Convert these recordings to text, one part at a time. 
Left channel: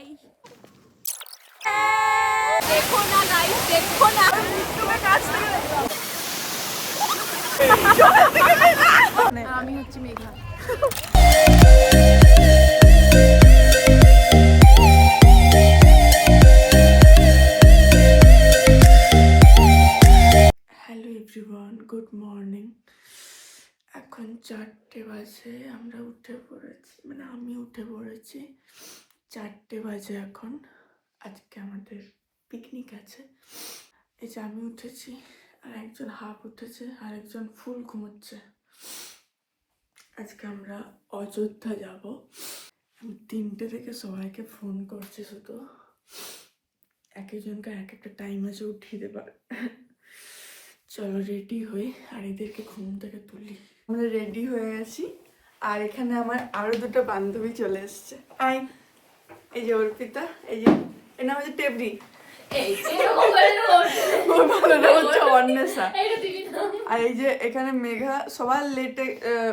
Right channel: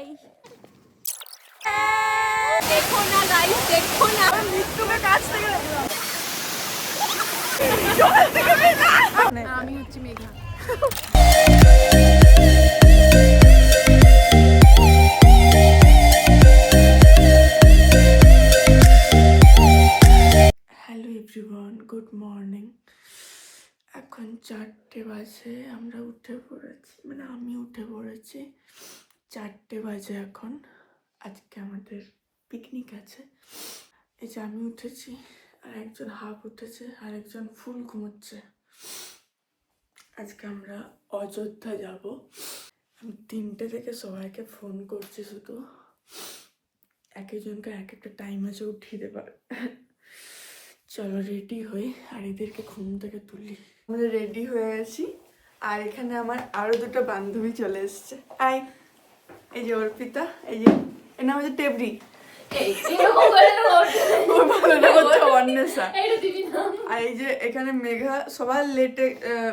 हाय देखो ना गाइस देखो ना मृत्यु के काछ থেকে দেখলাম আমি হচ্ছি Megha hello everyone good morning এখন 4টে বাজে আমরা উঠে পড়েছি মানে আমি উঠে পড়েছি 4টে বাজে এখন আজকে আমাদের পিকনিক আছে এই যে আমি উঠেছি আর একজন হাফ উঠেছে আর একজন ফুল ঘুমোচ্ছে আজকে আমরা অযোধ্যা যাব আমি 3টে থেকে সবাইকে ফোন করছি শুধু এক একজনকে এক একটা টাইম আছে উঠিয়ে দেবার চলো রেডি হই আর এদেরকে ঘুম থেকে তুলি আমরা রেডি হয়ে গেছি আর এখানে আমার আরো দুটো বান্ধবী চলে এসছে আই এই যে অর্পিতা এই যে এর নাম হচ্ছে টেবরি অন্বেষা আর এই যে এখানে মেঘা সবার লেটে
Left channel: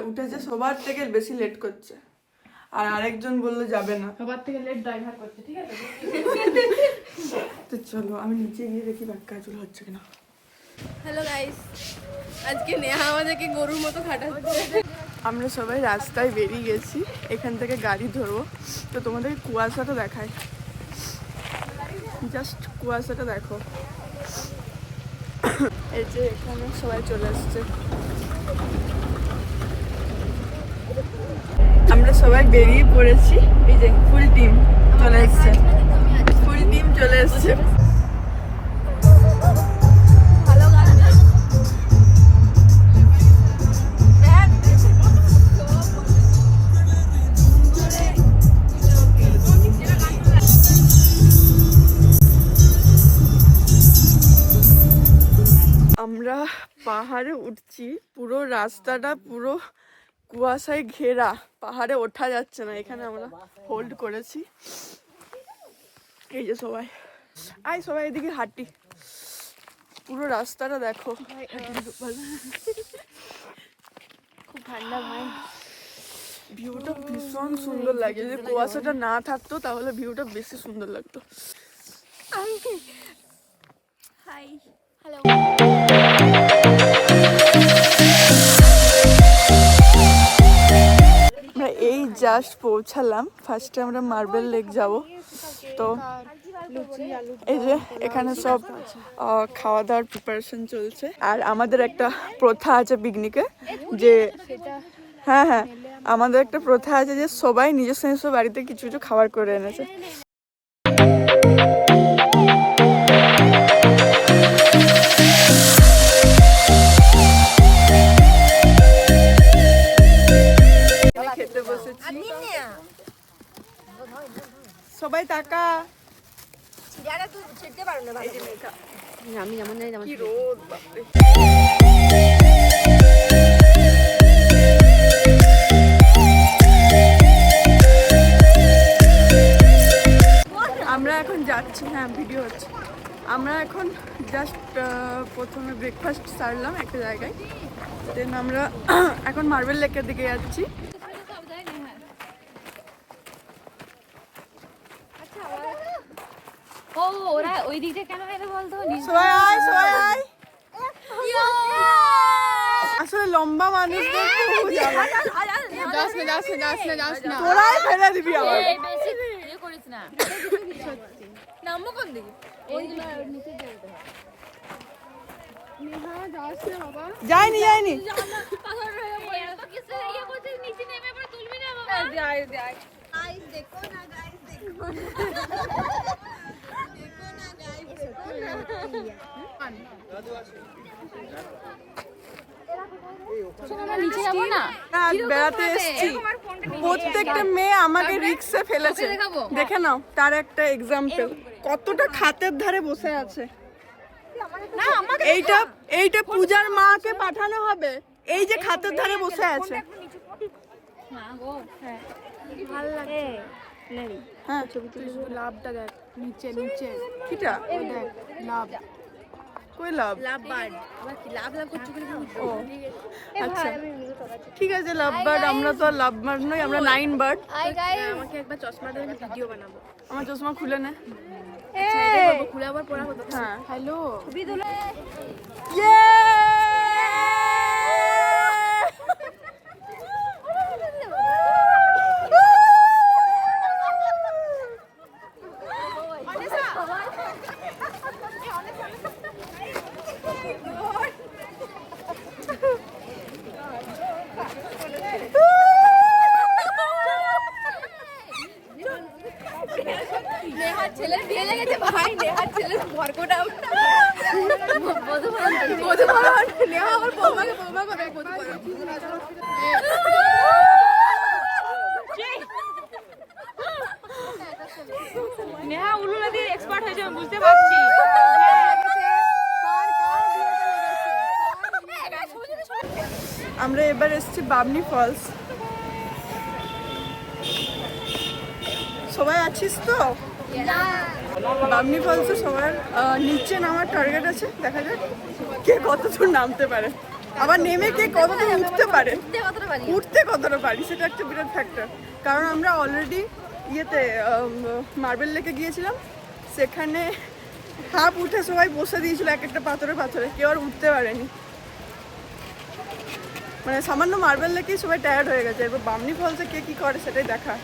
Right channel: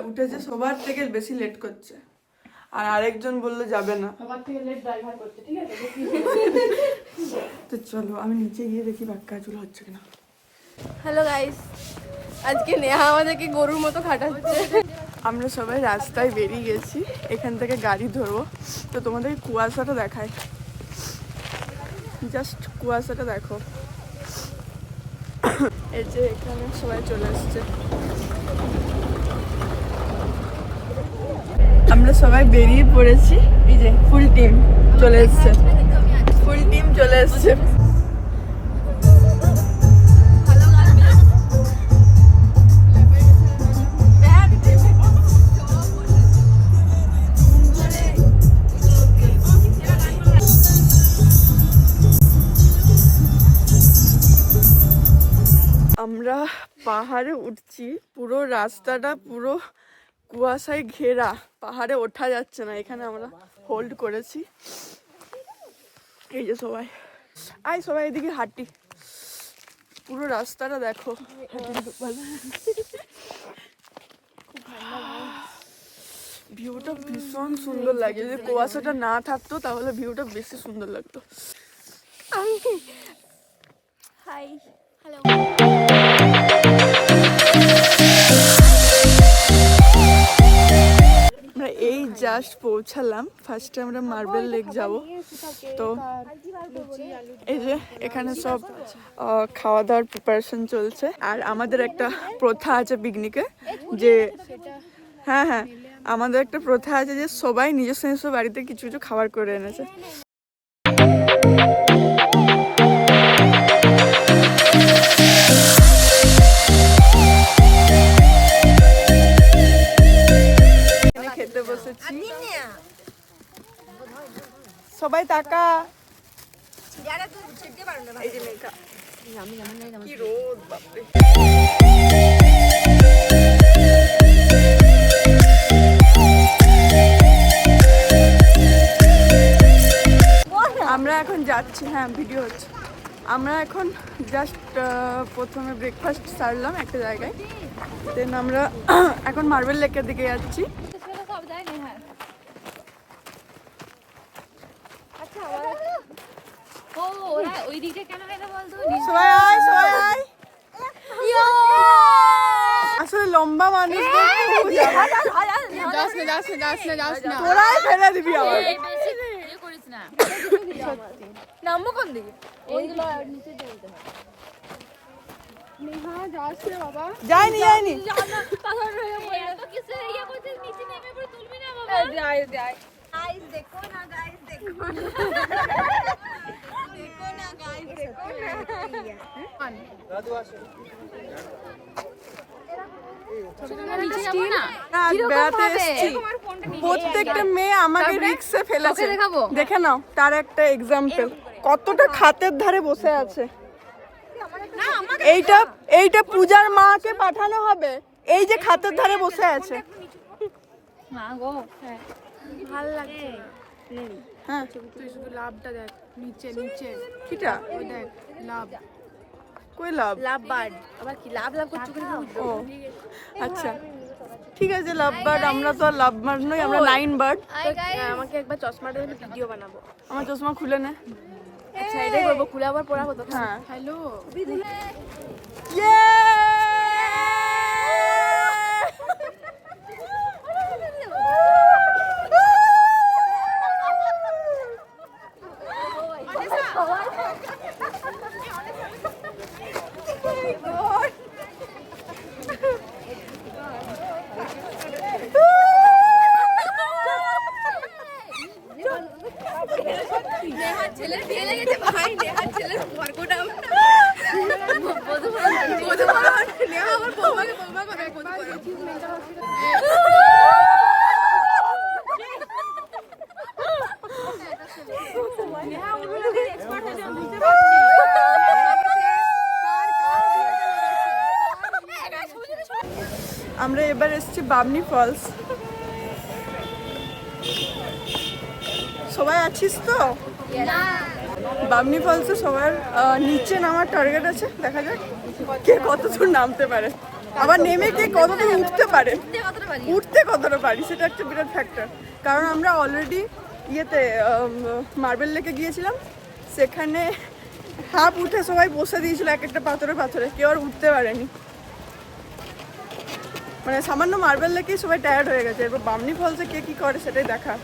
উঠেছে সবার থেকে বেশি লেট করছে আর আরেকজন বললো যাবে না সবার থেকে লেট ড্রাইভার করছে ঠিক আছে তো চলো আমি নিচে গিয়ে দেখি বাক্কা চুল হচ্ছে কিনা হ্যালো গাইস আজকে নেহা আমাদেরকে গরুর মতো খাটাচ্ছে আমরা সবাই রাস্তায় বেরিয়ে গেছি এখান থেকে গাড়ি ধরবো তো তোমাদের কুয়াশাটা দেখায় জাস্ট কুয়াশাটা দেখো এই যে এখানে সবাই চলে এসছে আমরা সবাই বেরিয়ে পড়েছি এই যে ফুল টিম চলে এসছে ফুল টিম চলে এসছে আমরা পাহাড়ে উঠছি পুরো রাস্তাটা পুরো কুয়াশায় ঘেরা পাহাড়ে ওঠা যাচ্ছে না এখানে আমরা হোল্ড করেছি এই যে সবাই সবাই এদিকে হাঁটি পুরো রাস্তাটা দেখো খুব ঠান্ডা ভিউটা ভীষণ সুন্দর লাগে যদি কুয়াশাটা না থাকতো তাহলে ভিউটা বেশি সুন্দর লাগতো হাই হ্যালো আমরা এই জাস্ট পৌঁছালাম ফার্স্টে আমরা মার্বেল লেক যাব তো এই যে এখানে সব খাওয়া দাওয়ার প্রিপারেশন চলছে আর আমাদের একটা প্রথা আছে পিকনিকে যে হ্যাঁ আমাদের একটা প্রথা আছে যে সবাই নিজস্ব নিজস্ব বাড়িতে কিছু কিছু খাবার করে এনেছে খেতে বসেছি সবাই টাকা এই যে মেঘা কি রোদ বাপরে আমরা এখন যাচ্ছি হ্যাঁ ভিডিও হচ্ছে আমরা এখন জাস্ট প্রথমে ব্রেকফাস্ট সারলাম একটা জায়গায় দেন আমরা এখন মার্বেল লেকের দিকে যাচ্ছি আসলে লম্বা মানুষদের তোরাই ফেলে দিবি আবার যায়নি বেড়াতে এসেছি প্রত্যেকটা মেয়ে আমাকে রিক্সে ফেলেছে দেখে নাও তার একটা এক্সাম্পল কতটা খাতের ধারে বসে আছে এইটা পূজার মাকে পাঠানো হবে এই যে খাতের ধারে বসে আছে ভাল লাগছে হ্যাঁ লাভটা দেখ নিচে নিচে কিটা দেখ লাভ কই লাভ লাভ বাদ আবার কি লাভ করছে ও আচ্ছা ঠিক আছে লাভ বার্ড, আমরা তো আর লাভ বার্ড নই, আমরা 9 বার্ড। আমাকে একবার চশমাটা দিয়ে ভিডিও বানাবো। আমার চশমা খুলে নে। আচ্ছা এটাই করবো, খুলে আবার পড়া কত? হ্যাঁ। হ্যালো আমরা এবার এসেছি বামনি ফলস। সবাই আছিস তো? বামনি ফলসে সবার নিচে নামার টার্গেট আছে, দেখা যাক কে কত দূর নামতে পারে, আবার নেমে কে কত দূর উঠতে পারে, উঠতে কতটা পারি সেটা একটা বিরাট ফ্যাক্টর। কারণ আমরা অলরেডি ইয়েতে মার্বেল লেকে গিয়েছিলাম, সেখানে হাফ উঠে সবাই বসে দিয়েছিল এক একটা পাথরে পাথরে, কেউ আর উঠতে পারেনি। মানে সামান্য মার্বেল লেকেই সবাই টায়ার্ড হয়ে গেছে, এরপর বামনি ফলসে কে কি করে সেটাই দেখা।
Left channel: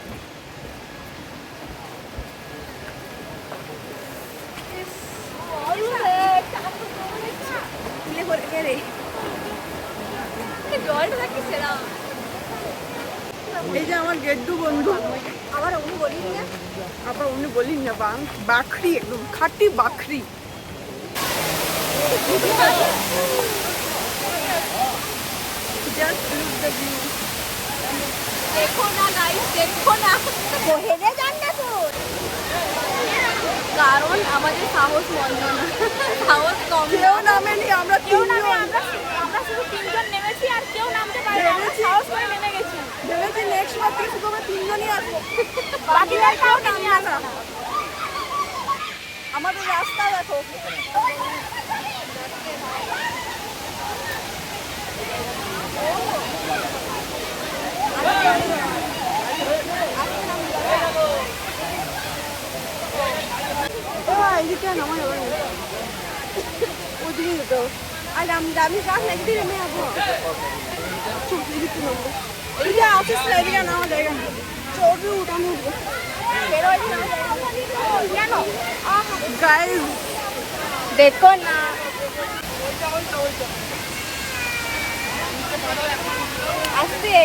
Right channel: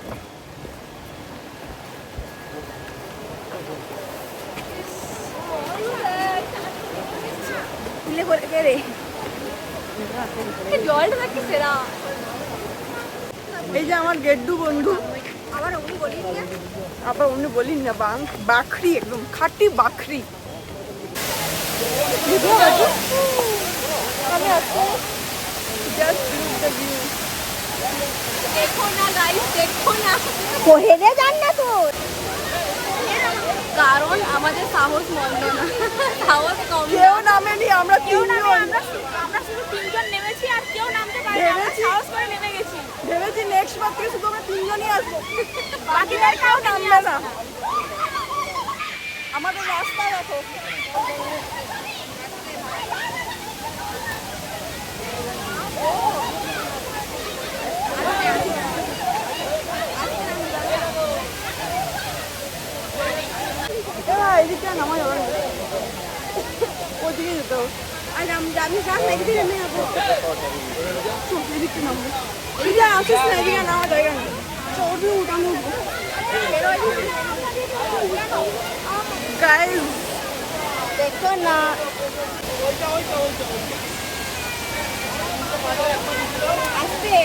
এই যে আমার গেড্ডু বন্ধু, আবার উনি বলিন না, বাখরি, একদম খাঁটি বাখরি। Just look the view. দেখো না গাইস, দেখো না, হেরে যান না তোর। কারণ আমাদের সাহস মন্দ না, সাহস কম না। কেউ নামেনি, আমরা কেউ নামে, আমরা শুধু 3 জন নেমেছি আর কেউ নামতে পারে না, আমরা সাহস করে নেমে গেছি। ভেবেছি নেক্সট বার থেকে শুধু আমরা 3 জনই আসবো, বাকি আর কেউ নামবে না। আমাদের রাস্তা দেখো, এদিকে নামা যাবে না, ওদিকে যেতে হবে। আর আমি যাক না, এদিকে নেমে যাবো, এদিকে নামবো। এদিকে আসিস না, এদিকে নামা জায়গা নেই, চর্বি উঠানো গাইস, দেখো না। আসতে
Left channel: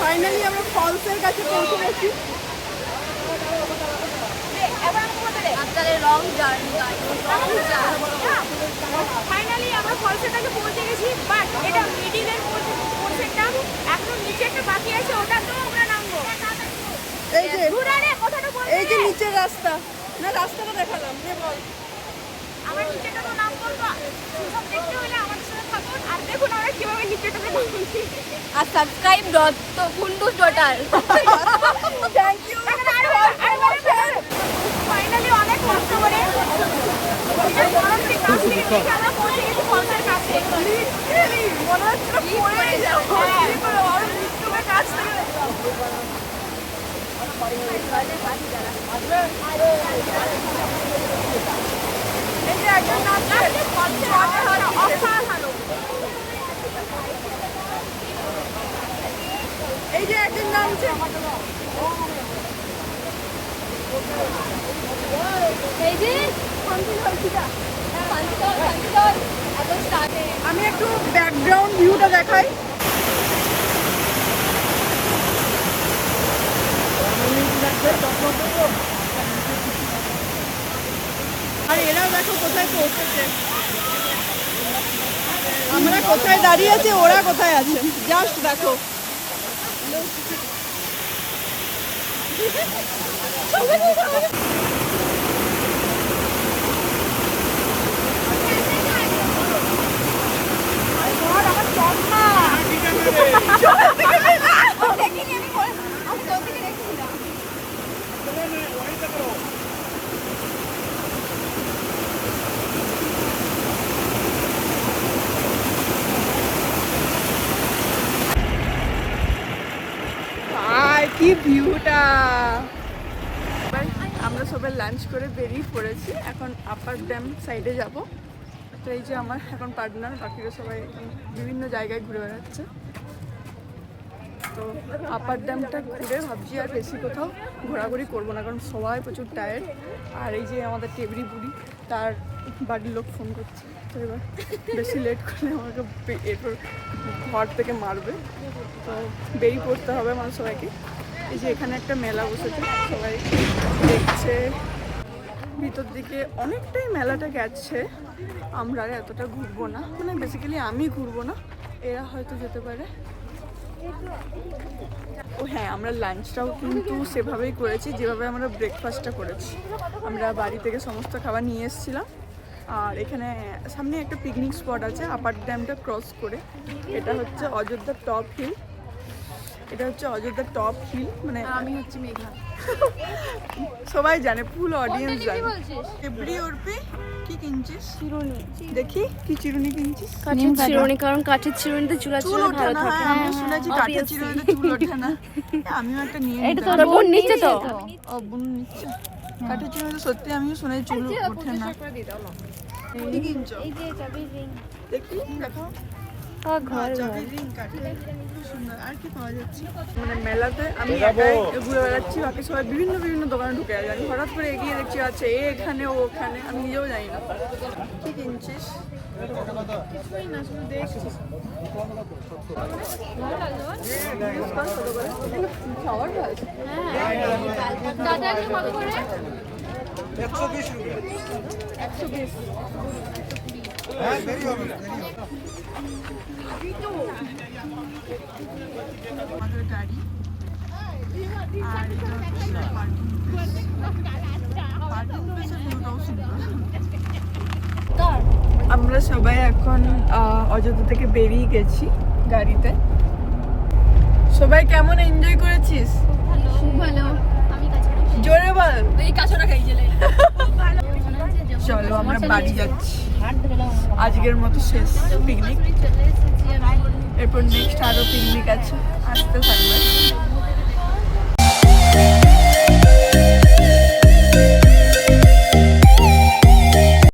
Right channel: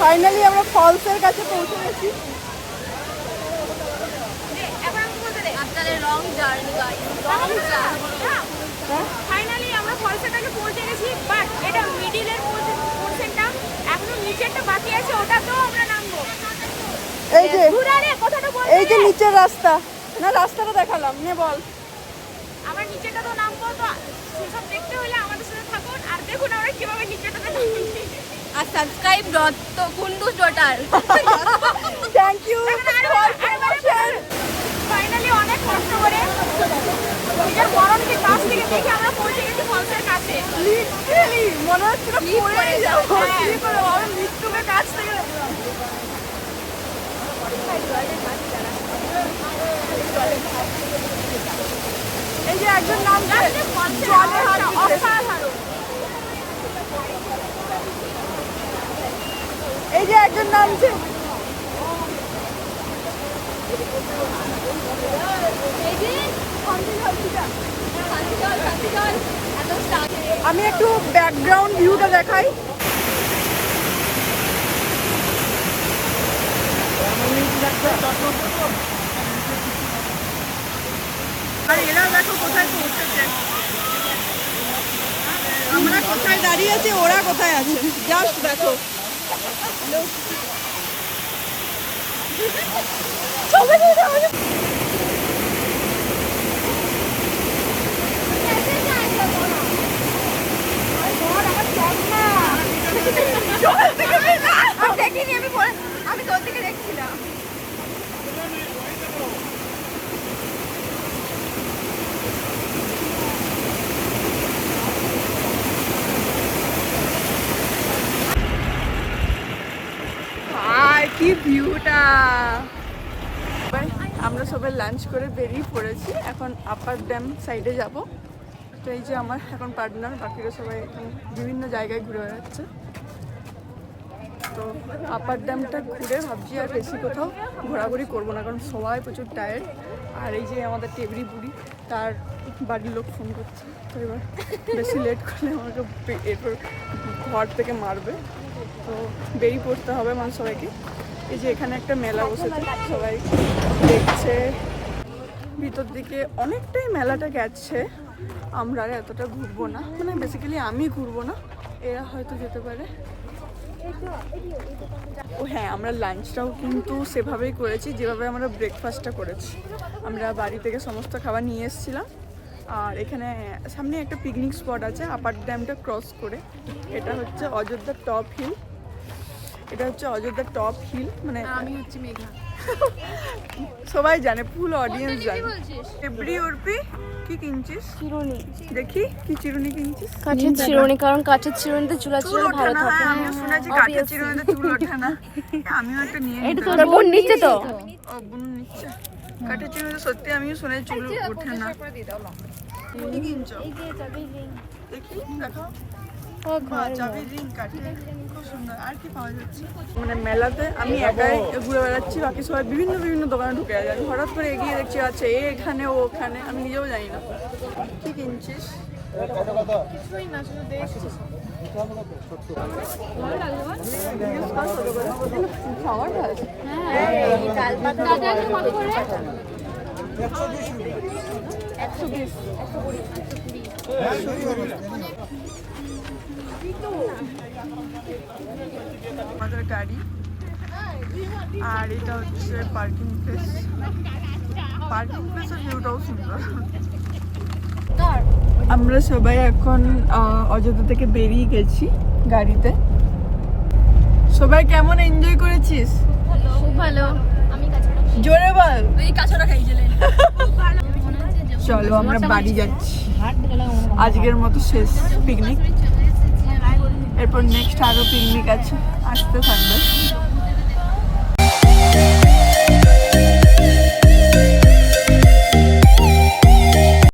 ফাইনালি আমরা ফলসের কাছে পৌঁছে গেছি। After a long journey guys, long journey. Finally আমরা ফলসের কাছে পৌঁছে গেছি, বাট এটা মিডিলের পোরশনটা এখনো নিচেরটা বাকি আছে, ওটা তো আমরা নামবো। এই যে এই যে নিচের রাস্তা, না রাস্তাটা দেখালাম, নে বল। আমরা নিচেটা তো নামবো, তো সেসব দেখতে হলে আমাদের সাথে থাকুন আর দেখুন আমরা কিভাবে নিচেটাতে নামছি। আর সাবস্ক্রাইব তো কুন্ডুস ডটার। Thank you. ফাইনালি অনেক কষ্ট করে গরম থেকে 10 মিনিট নিচে আমরা পৌঁছে গেছি ফলসের কাছে। লিটারালি মনে হচ্ছে না পড়েই যাবো, কি করে আমি মৃত্যুকে কাছ থেকে দেখলাম। এই যে একজন নাম ফলসের অসাধারণ। এই যে একজন নামছে, আমি একটু ব্যাকগ্রাউন্ড ভিউটা দেখাই। আর এরা দেখো কোথায় পৌঁছেছে, আমরা কোথায় দাঁড়িয়ে আছি, ওরা কোথায় আছে, জাস্ট দেখো। কি ভিউটা! আমরা সবাই লাঞ্চ করে বেরিয়ে পড়েছি, এখন আপার ড্যাম সাইডে যাব। তো এই যে আমার এখন পার্টনার, বাকিরা সবাই এখন বিভিন্ন জায়গায় ঘুরে বেড়াচ্ছে। তো আপার ড্যামটা ঘুরে ভাবছি আর বেশি কোথাও ঘোরাঘুরি করবো না, কারণ সবাই প্রচুর টায়ার্ড। আর এই যে আমাদের টেবরি বুড়ি, তার বাড়ির লোক ফোন করছে, তো এবার বেশি লেট করলে আমাকে এরপর ঘর থেকে মারবে। তো বেরিয়ে পড়তে হবে মানে সবাইকে। এই যে এখানে একটা মেলা বসেছে, সবাই দেখছে। ভিতর দিকে অনেকটাই মেলাটা গেছে, আমরা আর এতটা ঘুরবো না, মানে বেসিক্যালি আমি ঘুরবো না, এরা হয়তো যেতে পারে। ও হ্যাঁ, আমরা লাঞ্চটাও কিন্তু সেভাবেই করেছি যেভাবে আমরা ব্রেকফাস্টটা করেছি। আমরা বাড়ি থেকে সমস্ত খাবার নিয়ে এসেছিলাম। আর এখানে সামনে একটা পিকনিক স্পট আছে আপার ড্যামটা ক্রস করে, এটা হচ্ছে অযোধ্যা টপ হিল। এটা হচ্ছে অযোধ্যা টপ হিল, মানে আমি হচ্ছে মেঘা। সবাই জানে, ফুল অডিয়েন্স জানে। এভরি উর্পি কি কিনছিস? চিরুনি। দেখি কি চিরুনি কিনছিস? চিরুনি, কারণ কাঠের চিরুনিতে চুল ভালো থাকে। আমি শুনেছি কাঠের চিরুনিতে চুল ওঠে না। আমিও একটা নিয়ে নিই। এটা তো বোন নিচে তো। ও বোন নিচ্ছে। কাঠের চিরুনিতে সত্যি আমিও শুনেছি চুল ওঠে না। কি কিনছো? এই যে চাবির রিং। দেখি দেখাও। চাবির রিং কাঠের, খুব সুন্দর। আর কি পাওয়া যাচ্ছে? মানে মেলাতে আমি একাই ঘুরে বেড়াচ্ছি, বাকি সবাই বিভিন্ন বিভিন্ন দোকানে ঢুকে আছে। আমি হঠাৎ করে এগিয়ে দেখছি আছে এখানে ও ওখানে, আমি নিজেও জানি না। কি কিনছিস? কিছুই না, শুধু দেখছিস। ভালো লাগলো। কত করে? খাওয়ার ভালো। হ্যাঁ, দাদা এখানে কত করে? 120 रुपए। 120। হ্যাঁ, দেরি হবে। আমাদের গাড়ি, আর এটা হচ্ছে পার্কিং প্লেস। পার্কিং প্লেসের ভিউটাও সুন্দর। আমরা সবাই এখন অযোধ্যা থেকে বেরিয়ে গেছি গাড়িতে। সবাই কেমন এনজয় করেছিস? খুব ভালো। আমি কাছে জোরে বল। এই কাছাটা খাইছিলে। চলো আমরা বাড়ি যাচ্ছি, আজকের মতো শেষ পিকনিক। এরপর নেক্সট আরো পিকনিক আছে, আসতে থাকবে।